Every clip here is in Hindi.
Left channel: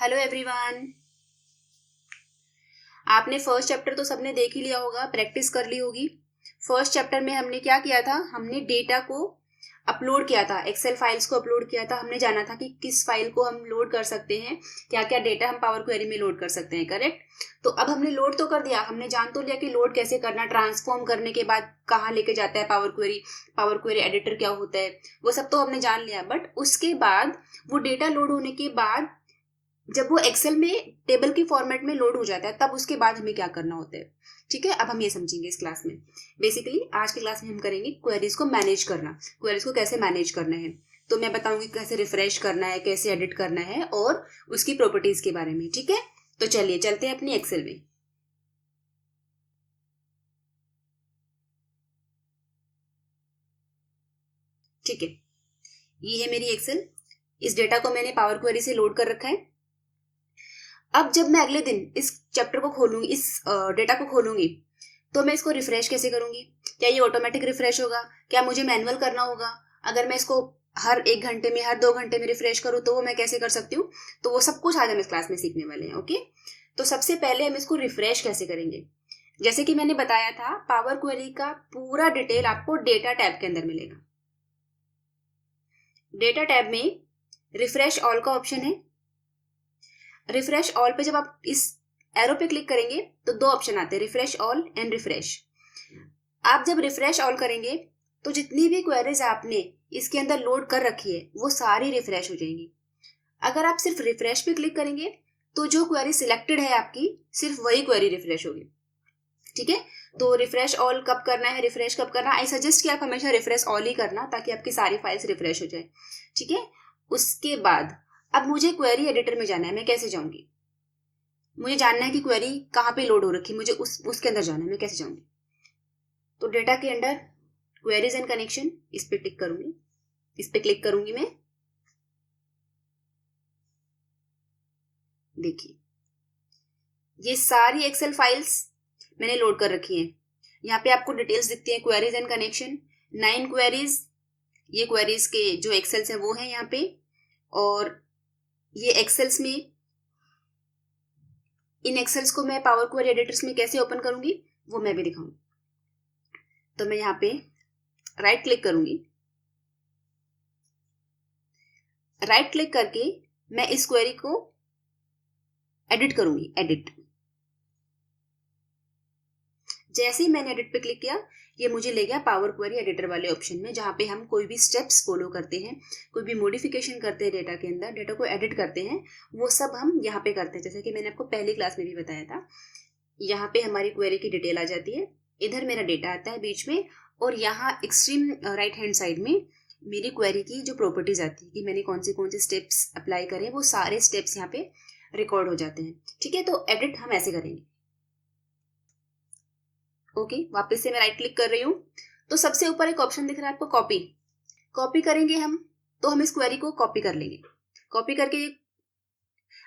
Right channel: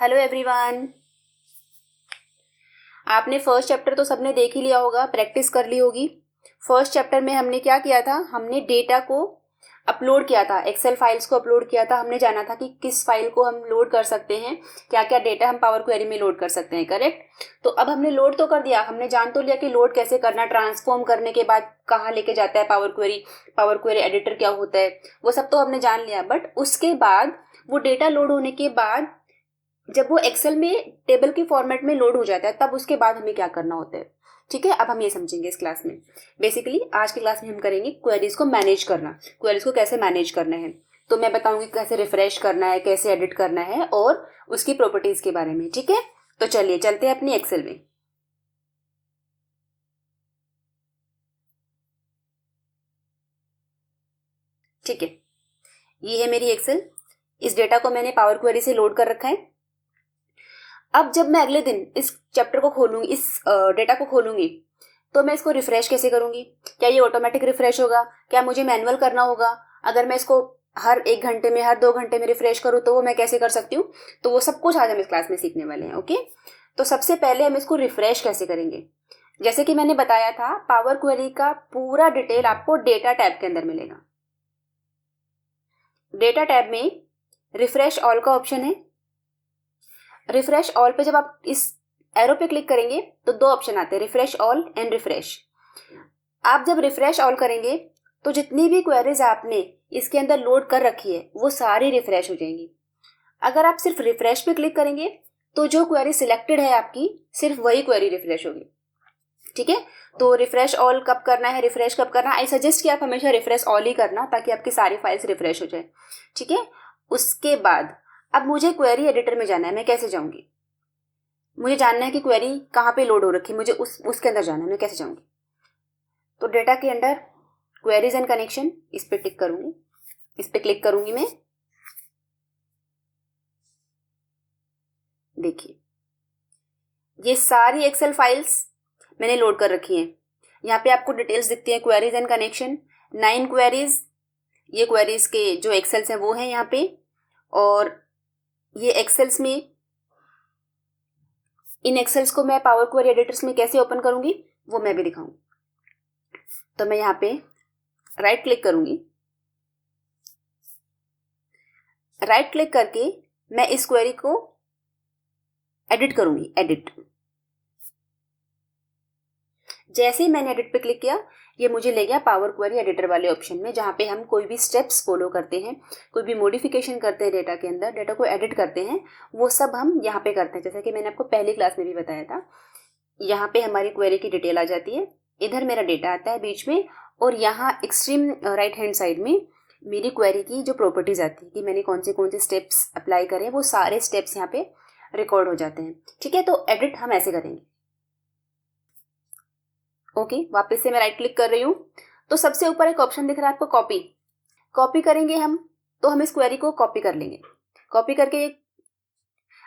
Hello everyone. आपने फर्स्ट चैप्टर तो सबने देख ही लिया होगा, प्रैक्टिस कर ली होगी। फर्स्ट चैप्टर में हमने क्या किया था, हमने डेटा को अपलोड किया था, एक्सेल फाइल्स को अपलोड किया था। हमने जाना था कि किस फाइल को हम लोड कर सकते हैं, क्या क्या डेटा हम पावर क्वेरी में लोड कर सकते हैं, करेक्ट। तो अब हमने लोड तो कर दिया, हमने जान तो लिया कि लोड कैसे करना, ट्रांसफॉर्म करने के बाद कहाँ लेके जाता है पावर क्वेरी एडिटर क्या होता है, वो सब तो हमने जान लिया। बट उसके बाद वो डेटा लोड होने के बाद जब वो एक्सेल में टेबल की फॉर्मेट में लोड हो जाता है, तब उसके बाद हमें क्या करना होता है। ठीक है, अब हम ये समझेंगे इस क्लास में। बेसिकली आज की क्लास में हम करेंगे क्वेरीज को मैनेज करना, क्वेरीज को कैसे मैनेज करना है। तो मैं बताऊंगी कैसे रिफ्रेश करना है, कैसे एडिट करना है और उसकी प्रॉपर्टीज के बारे में। ठीक है, तो चलिए चलते हैं अपनी एक्सेल में। ठीक है, ये है मेरी एक्सेल। इस डेटा को मैंने पावर क्वेरी से लोड कर रखा है। अब जब मैं अगले दिन इस चैप्टर को खोलूंगी, इस डेटा को खोलूंगी, तो मैं इसको रिफ्रेश कैसे करूंगी। क्या ये ऑटोमेटिक रिफ्रेश होगा, क्या मुझे मैनुअल करना होगा। अगर मैं इसको हर 1 घंटे में, हर 2 घंटे में रिफ्रेश करूँ तो वो मैं कैसे कर सकती हूँ। तो वो सब कुछ आज हम इस क्लास में सीखने वाले हैं। ओके, तो सबसे पहले हम इसको रिफ्रेश कैसे करेंगे। जैसे कि मैंने बताया था, पावर क्वेरी का पूरा डिटेल आपको डेटा टैब के अंदर मिलेगा। डेटा टैब में रिफ्रेश ऑल का ऑप्शन है। रिफ्रेश ऑल पे जब आप इस एरो पे क्लिक करेंगे तो दो ऑप्शन आते हैं, रिफ्रेश ऑल एंड रिफ्रेश। आप जब रिफ्रेश ऑल करेंगे तो जितनी भी क्वेरीज आपने इसके अंदर लोड कर रखी है वो सारी रिफ्रेश हो जाएंगी। अगर आप सिर्फ रिफ्रेश पे क्लिक करेंगे तो जो क्वेरी सिलेक्टेड है आपकी, सिर्फ वही क्वेरी रिफ्रेश होगी। ठीक है, तो रिफ्रेश ऑल कब करना है, रिफ्रेश कब करना, आई सजेस्ट कि आप हमेशा रिफ्रेश ऑल ही करना, ताकि आपकी सारी फाइल्स रिफ्रेश हो जाए। ठीक है, उसके बाद अब मुझे क्वेरी एडिटर में जाना है। मैं कैसे जाऊंगी, मुझे जानना है कि क्वेरी कहाँ पे लोड हो रखी है, मुझे उसके अंदर जाना है। मैं कैसे जाऊंगी, तो डेटा के अंदर क्वेरीज एंड कनेक्शन, इस पे टिक करूंगी, इस पे क्लिक करूंगी मैं। देखिए, ये सारी एक्सेल फाइल्स मैंने लोड कर रखी हैं। यहाँ पे आपको डिटेल्स दिखती हैं, क्वेरीज एंड कनेक्शन, 9 क्वेरीज। ये क्वेरीज के जो एक्सेल्स हैं वो हैं यहाँ पे। और ये एक्सेल्स में, इन एक्सेल्स को मैं पावर क्वेरी एडिटर्स में कैसे ओपन करूंगी वो मैं भी दिखाऊंगी। तो मैं यहाँ पे राइट क्लिक करूंगी। राइट क्लिक करके मैं इस क्वेरी को एडिट करूंगी, एडिट। जैसे ही मैंने एडिट पे क्लिक किया, ये मुझे ले गया पावर क्वेरी एडिटर वाले ऑप्शन में, जहाँ पे हम कोई भी स्टेप्स फॉलो करते हैं, कोई भी मॉडिफिकेशन करते हैं डेटा के अंदर, डेटा को एडिट करते हैं, वो सब हम यहाँ पे करते हैं। जैसा कि मैंने आपको पहली क्लास में भी बताया था, यहाँ पे हमारी क्वेरी की डिटेल आ जाती है, इधर मेरा डेटा आता है बीच में, और यहाँ एक्सट्रीम राइट हैंड साइड में मेरी क्वेरी की जो प्रॉपर्टीज आती है कि मैंने कौन से स्टेप्स अप्लाई करे, वो सारे स्टेप्स यहाँ पे रिकॉर्ड हो जाते हैं। ठीक है, तो एडिट हम ऐसे करेंगे। ओके, वापस से मैं राइट क्लिक कर रही हूँ। तो सबसे ऊपर एक ऑप्शन दिख रहा है आपको, कॉपी। कॉपी करेंगे हम, तो हम इस क्वेरी को कॉपी कर लेंगे। कॉपी करके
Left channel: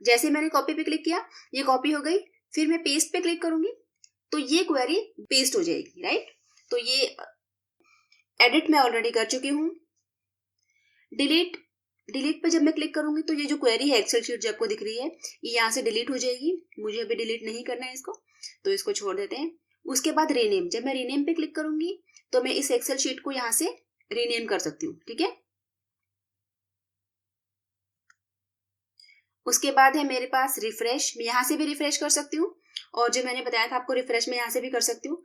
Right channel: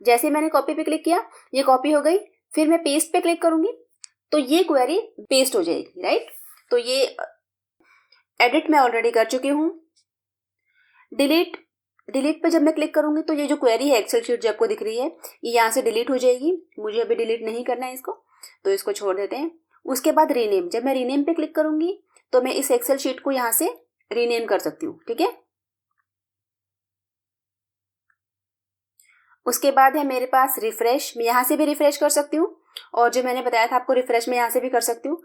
जैसे मैंने कॉपी पे क्लिक किया, ये कॉपी हो गई। फिर मैं पेस्ट पे क्लिक करूंगी तो ये क्वेरी पेस्ट हो जाएगी, राइट। तो ये एडिट मैं ऑलरेडी कर चुकी हूँ। डिलीट, डिलीट पे जब मैं क्लिक करूंगी तो ये जो क्वेरी है एक्सेल शीट जो आपको दिख रही है, ये यहाँ से डिलीट हो जाएगी। मुझे अभी डिलीट नहीं करना है इसको, तो इसको छोड़ देते हैं। उसके बाद रीनेम, जब मैं रीनेम पे क्लिक करूंगी तो मैं इस एक्सेल शीट को यहाँ से रीनेम कर सकती हूँ। ठीक है, उसके बाद है मेरे पास रिफ्रेश, मैं यहाँ से भी रिफ्रेश कर सकती हूँ, और जो मैंने बताया था आपको रिफ्रेश, मैं यहाँ से भी कर सकती हूँ।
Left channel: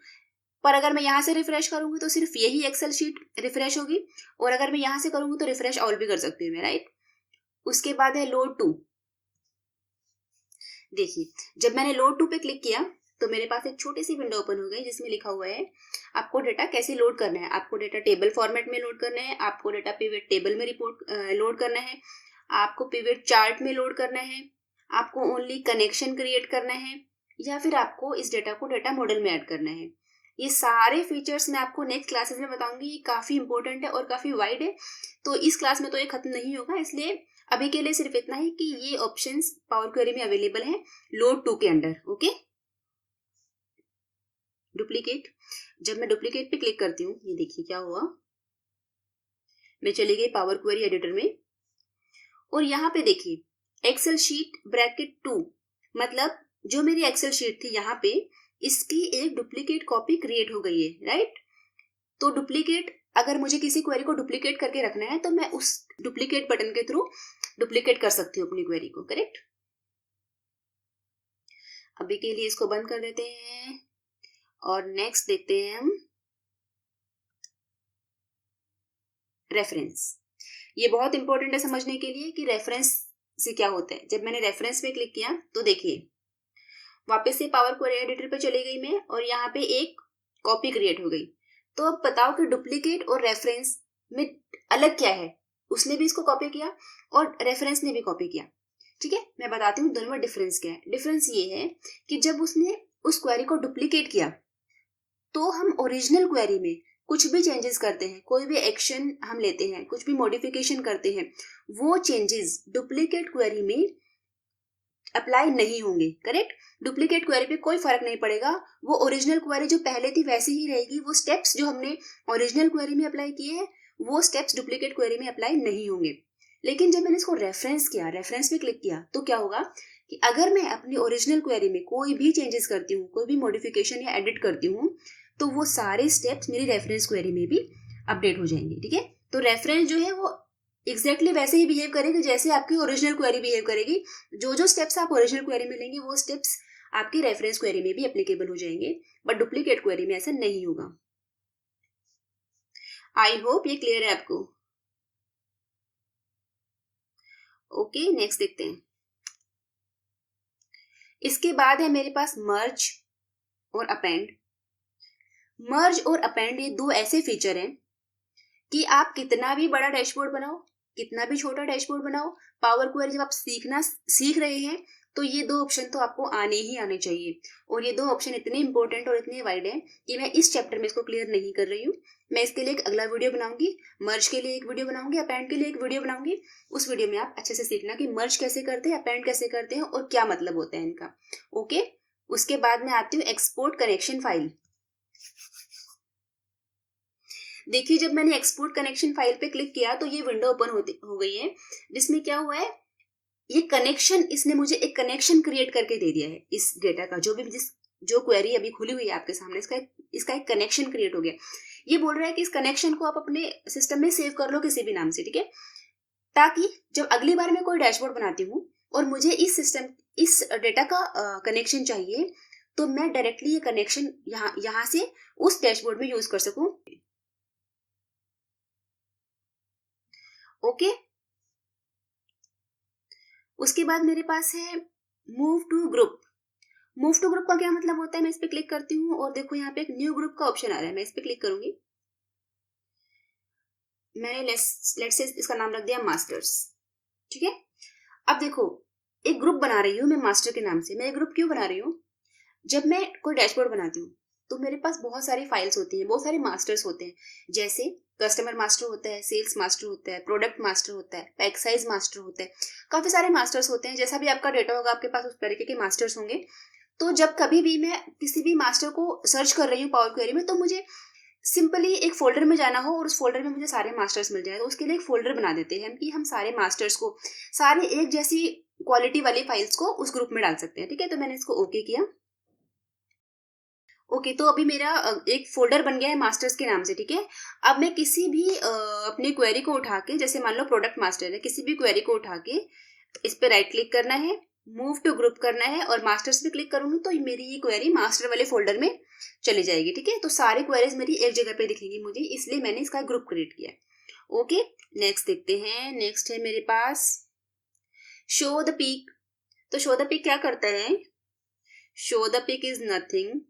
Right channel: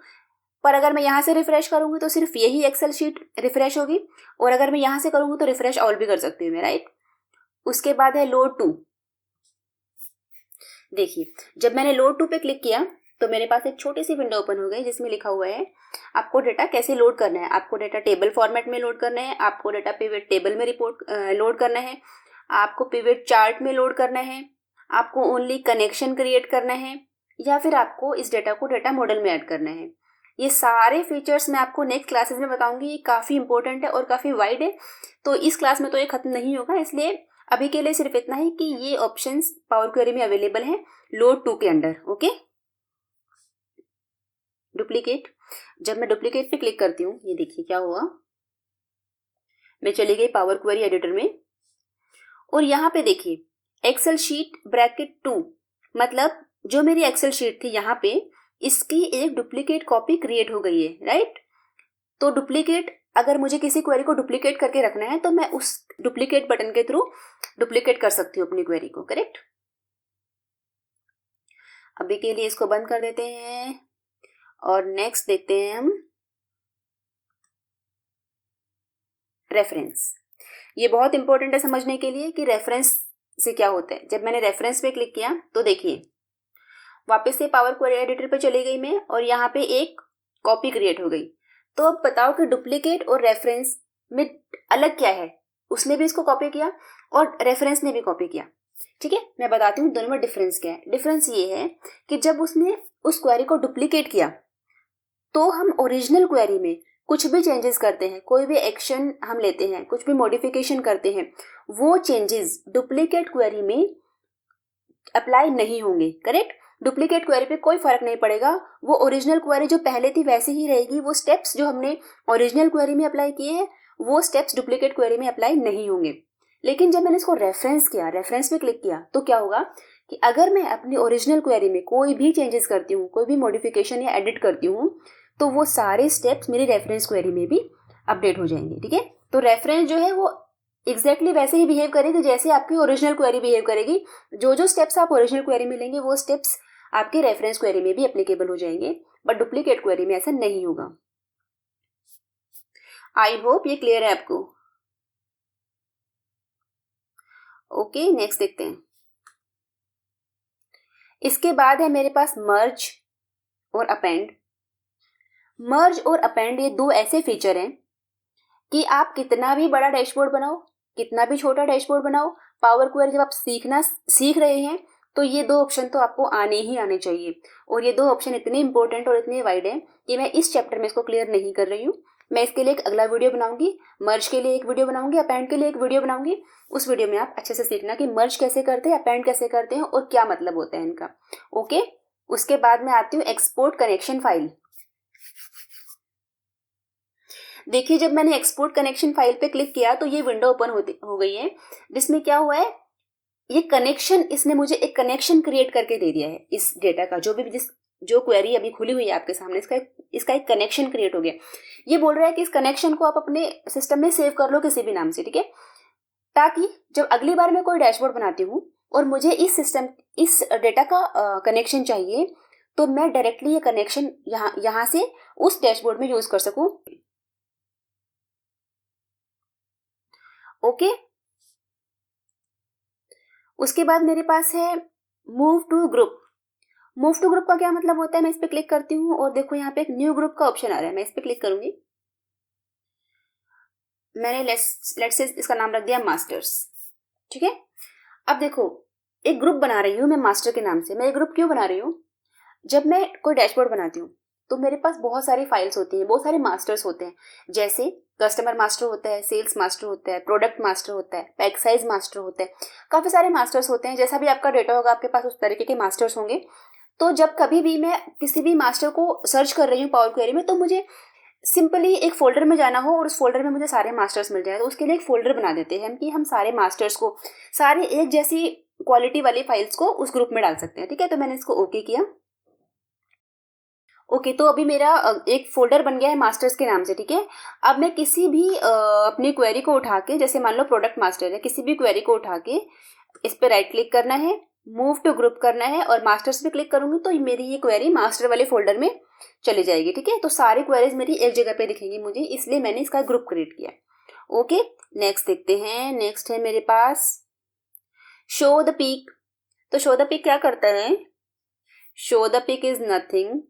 पर अगर मैं यहाँ से रिफ्रेश करूंगी तो सिर्फ यही एक्सेल शीट रिफ्रेश होगी, और अगर मैं यहाँ से करूंगी तो रिफ्रेश ऑल भी कर सकती हूँ मैं, राइट। उसके बाद है लोड टू। देखिए, जब मैंने लोड टू पे क्लिक किया तो मेरे पास एक छोटी सी विंडो ओपन हो गई, जिसमें लिखा हुआ है आपको डेटा कैसे लोड करना है। आपको डेटा टेबल फॉर्मेट में लोड करना है, आपको डेटा पिवट टेबल में रिपोर्ट लोड करना है, आपको पिवट चार्ट में लोड करना है, आपको ओनली कनेक्शन क्रिएट करना है, या फिर आपको इस डेटा को डेटा मॉडल में ऐड करना है। ये सारे फीचर्स मैं आपको नेक्स्ट क्लासेस में बताऊंगी। ये काफ़ी इंपॉर्टेंट है और काफ़ी वाइड है, तो इस क्लास में तो ये खत्म नहीं होगा। इसलिए अभी के लिए सिर्फ इतना ही कि ये ऑप्शंस पावर क्वेरी में अवेलेबल हैं लोड टू के अंडर। ओके, डुप्लीकेट, जब मैं डुप्लीकेट पे क्लिक करती हूँ, ये देखिए क्या हुआ, मैं चली गई पावर क्वेरी एडिटर में, और यहाँ पे देखिए एक्सेल शीट ब्रैकेट 2, मतलब जो मेरी एक्सेल शीट थी यहाँ पे, इसकी एक डुप्लीकेट कॉपी क्रिएट हो गई है, राइट। तो डुप्लीकेट, अगर मुझे किसी क्वेरी को डुप्लीकेट करके रखना है तो मैं उस डुप्लीकेट बटन के थ्रू डुप्लीकेट कर सकती हूँ अपनी क्वेरी को, करेक्ट। अभी के लिए इसको बंद कर देते हैं और नेक्स्ट देखते हैं हम रेफरेंस। ये बहुत इंपॉर्टेंट है समझने के लिए कि रेफरेंस से क्या होता है। जब मैंने रेफरेंस पे क्लिक किया तो देखिए वापस से पावर क्वेरी एडिटर पे चली गई मैं और यहाँ पे एक कॉपी क्रिएट हो गई। तो अब बताओ कि डुप्लीकेट और रेफरेंस में अलग क्या है। उसने भी इसको कॉपी किया और रेफरेंस ने भी कॉपी किया, ठीक है। मैं बताती हूँ दोनों में डिफरेंस क्या है। डिफरेंस ये है कि जब उसने उस क्वेरी को डुप्लीकेट किया तो हम ओरिजिनल क्वेरी में कुछ भी चेंजेस करते हैं, कोई भी एक्शन हम लेते हैं, कुछ भी मॉडिफिकेशन करते हैं, वो चेंजेस डुप्लीकेट क्वेरी में अप्लाई नहीं होंगे, करेक्ट। डुप्लीकेट क्वेरी पे कोई फर्क नहीं पड़ेगा, वो ओरिजिनल क्वेरी जो पहले थी वैसी ही रहेगी। वो स्टेप्स जो हमने ओरिजिनल क्वेरी में अप्लाई किए हैं वो स्टेप्स डुप्लीकेट क्वेरी में अप्लाई नहीं होंगे। लेकिन जब मैंने इसको रेफरेंस किया, रेफरेंस पे क्लिक किया, तो क्या होगा कि अगर मैं अपनी ओरिजिनल क्वेरी में कोई भी चेंजेस करती हूँ, कोई भी मॉडिफिकेशन या एडिट करती हूँ, तो वो सारे स्टेप्स मेरी रेफरेंस क्वेरी में भी अपडेट हो जाएंगे, ठीक है। तो रेफरेंस जो है वो एग्जैक्टली वैसे ही बिहेव करेगी जैसे आपकी ओरिजिनल क्वेरी बिहेव करेगी। जो जो स्टेप्स आप ओरिजिनल क्वेरी में लेंगे वो स्टेप्स आपके रेफरेंस क्वेरी में भी एप्लीकेबल हो जाएंगे, बट डुप्लीकेट क्वेरी में ऐसा नहीं होगा। आई होप ये क्लियर है आपको। ओके, नेक्स्ट देखते हैं। इसके बाद है मेरे पास मर्ज और अपेंड। मर्ज और अपेंड ये दो ऐसे फीचर हैं कि आप कितना भी बड़ा डैशबोर्ड बनाओ, कितना भी छोटा डैशबोर्ड बनाओ, पावर क्वेरी जब आप सीख रहे हैं तो ये दो ऑप्शन तो आपको आने ही आने चाहिए। और ये दो ऑप्शन इतने इंपॉर्टेंट और इतने वाइड हैं कि मैं इस चैप्टर में इसको क्लियर नहीं कर रही हूँ। मैं इसके लिए एक अगला वीडियो बनाऊंगी, मर्ज के लिए एक वीडियो बनाऊंगी, अपेंड के लिए एक वीडियो बनाऊंगी। उस वीडियो में आप अच्छे से सीखना कि मर्ज कैसे करते हैं, अपेंड कैसे करते हैं और क्या मतलब होता है इनका, ओके। उसके बाद मैं आती हूँ एक्सपोर्ट कनेक्शन फाइल। देखिए जब मैंने एक्सपोर्ट कनेक्शन फाइल पे क्लिक किया तो ये विंडो ओपन हो गई है, जिसमें क्या हुआ है, ये कनेक्शन, इसने मुझे एक कनेक्शन क्रिएट करके दे दिया है इस डेटा का। जो क्वेरी अभी खुली हुई है आपके सामने, इसका एक कनेक्शन क्रिएट हो गया। ये बोल रहा है कि इस कनेक्शन को आप अपने सिस्टम में सेव कर लो किसी भी नाम से, ठीक है, ताकि जब अगली बार मैं कोई डैशबोर्ड बनाती हूँ और मुझे इस डेटा का कनेक्शन चाहिए तो मैं डायरेक्टली ये कनेक्शन यहाँ से उस डैशबोर्ड में यूज कर सकूं, ओके। उसके बाद मेरे पास है move to group. Move to group का क्या मतलब होता है, मैं इस पे क्लिक करती हूँ और देखो यहाँ पे एक न्यू ग्रुप का ऑप्शन आ रहा है। मैं इस पे क्लिक करूंगी, मैंने लेट्स से इसका नाम रख दिया मास्टर्स, ठीक है। अब देखो एक ग्रुप बना रही हूँ मैं मास्टर के नाम से। मैं एक ग्रुप क्यों बना रही हूँ, जब मैं कोई डैशबोर्ड बनाती हूँ तो मेरे पास बहुत सारी फाइल्स होती हैं, बहुत सारे मास्टर्स होते हैं। जैसे कस्टमर मास्टर होता है, सेल्स मास्टर होता है, प्रोडक्ट मास्टर होता है, पैक साइज मास्टर होता है, काफी सारे मास्टर्स होते हैं। जैसा भी आपका डेटा होगा आपके पास उस तरीके के मास्टर्स होंगे। तो जब कभी भी मैं किसी भी मास्टर को सर्च कर रही हूँ पावर क्वेरी में, तो मुझे सिंपली एक फोल्डर में जाना हो और उस फोल्डर में मुझे सारे मास्टर्स मिल जाए, तो उसके लिए एक फोल्डर बना देते हैं कि हम सारे मास्टर्स को, सारे एक जैसी क्वालिटी वाली फाइल्स को उस ग्रुप में डाल सकते हैं, ठीक है। तो मैंने इसको ओके किया, ओके। तो अभी मेरा एक फोल्डर बन गया है मास्टर्स के नाम से, ठीक है। अब मैं किसी भी अपनी क्वेरी को उठा के, जैसे मान लो प्रोडक्ट मास्टर है, किसी भी क्वेरी को उठा के इस पे राइट क्लिक करना है, मूव टू ग्रुप करना है और मास्टर्स पे क्लिक करूंगी तो मेरी ये क्वेरी मास्टर वाले फोल्डर में चली जाएगी, ठीक है। तो सारी क्वेरीज मेरी एक जगह पे दिखेंगी मुझे, इसलिए मैंने इसका ग्रुप क्रिएट किया, ओके। नेक्स्ट देखते हैं। नेक्स्ट है मेरे पास शो द पीक। तो शो द पीक क्या करता है, show the peak is nothing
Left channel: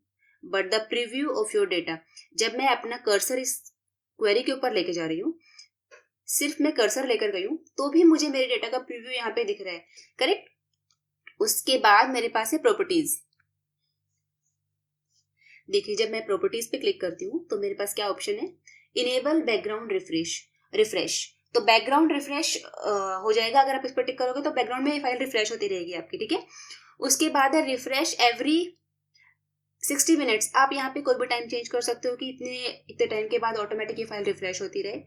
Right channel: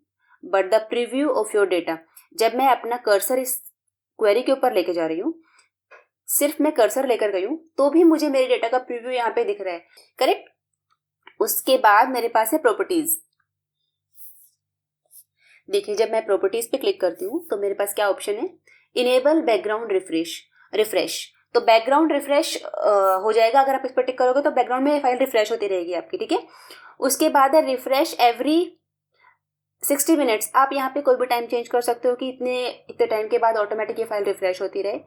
but the preview of your data. जब मैं अपना कर्सर इस क्वेरी के ऊपर लेके जा रही हूँ, सिर्फ मैं कर्सर लेकर गई हूँ तो भी मुझे मेरे डेटा का प्रीव्यू यहाँ पे दिख रहा है, करेक्ट। उसके बाद मेरे पास है प्रॉपर्टीज। देखिए जब मैं प्रॉपर्टीज पे क्लिक करती हूँ तो मेरे पास क्या ऑप्शन है, इनेबल बैकग्राउंड रिफ्रेश। तो बैकग्राउंड रिफ्रेश हो जाएगा अगर आप इस पर टिक करोगे, तो बैकग्राउंड में फाइल रिफ्रेश होती रहेगी आपकी, ठीक है। उसके बाद है रिफ्रेश एवरी 60 मिनट्स। आप यहाँ पे कोई भी टाइम चेंज कर सकते हो कि इतने टाइम के बाद ऑटोमेटिक ये फाइल रिफ्रेश होती रहे,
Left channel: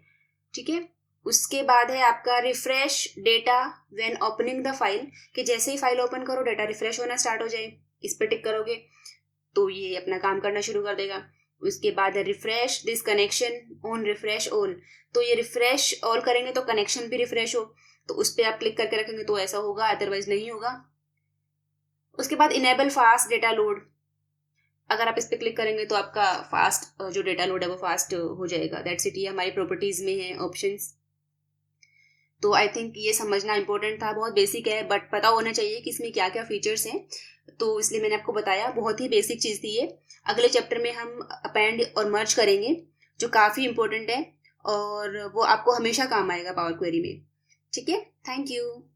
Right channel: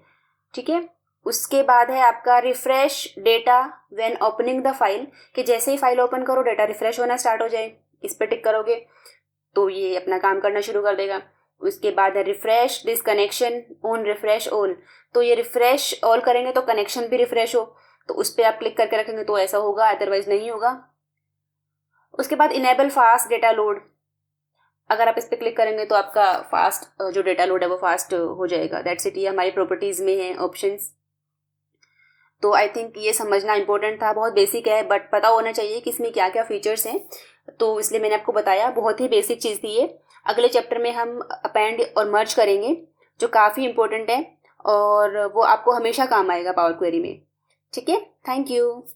ठीक है। उसके बाद है आपका refresh data when opening the file, कि जैसे ही फाइल ओपन करो डेटा रिफ्रेश होना स्टार्ट हो जाए, इस पर टिक करोगे तो ये अपना काम करना शुरू कर देगा। उसके बाद है refresh this connection on refresh all, तो ये रिफ्रेश ऑल करेंगे तो कनेक्शन भी रिफ्रेश हो, तो उस पर आप क्लिक करके रखेंगे तो ऐसा होगा, अदरवाइज नहीं होगा। उसके बाद इनेबल फास्ट डेटा लोड, अगर आप इस पर क्लिक करेंगे तो आपका फास्ट जो डेटा लोड है वो फास्ट हो जाएगा। दैट्स इट, ये हमारी प्रॉपर्टीज में है ऑप्शंस। तो आई थिंक ये समझना इंपॉर्टेंट था, बहुत बेसिक है बट पता होना चाहिए कि इसमें क्या क्या फीचर्स हैं, तो इसलिए मैंने आपको बताया, बहुत ही बेसिक चीज़ थी ये। अगले चैप्टर में हम अपेंड और मर्ज करेंगे जो काफ़ी इंपॉर्टेंट है और वो आपको हमेशा काम आएगा पावर क्वेरी में। ठीक है, थैंक यू।